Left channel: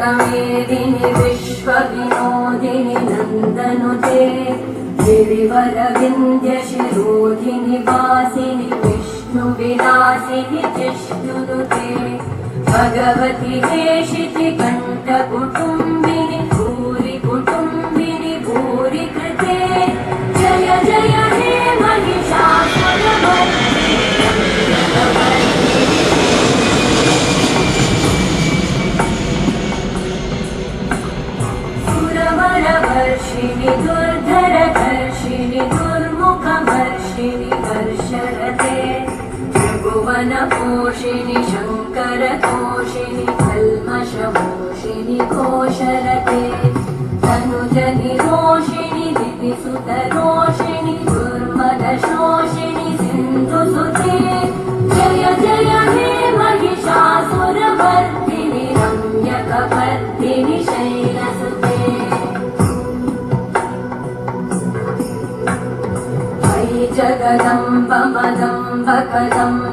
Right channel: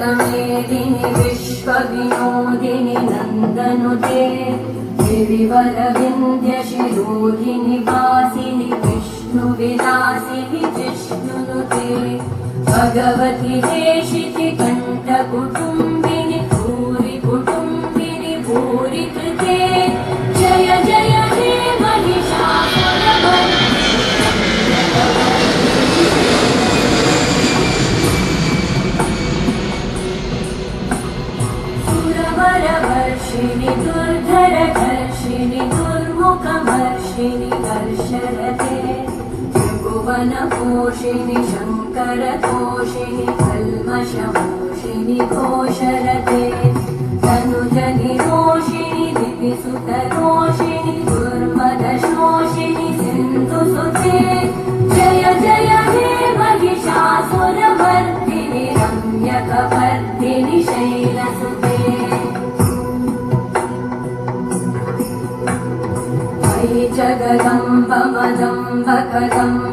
वेदिनि विश्वविनोदिनि नन्दनुते गिरिवरविन्द्यशिरोधिनि वासिनि विष्णुविलासिनि जिष्णुनुते भगवति हेशिति कण्ठकुटुम्बिनि भूरि कुटुम्बिनि भूरि कृते जय जय हे महिषासुरमर्दिनि सुरवरवर्षिणि दुर्धरधर्षिणि दुर्मुखमर्षिणि दर्शरते त्रिभुवनपोषिणि शङ्करतोषिणि कल्मषमोषिणि घोषरते तनुजनिरोषिणि दितिसुतरोषिणि दुर्मदशोषिणि सिन्धुसुते जय जय हे महिषासुरमर्दिनि रम्यकपर्दिनि शैलसुते वै जगदम्ब मदम्ब कदम्ब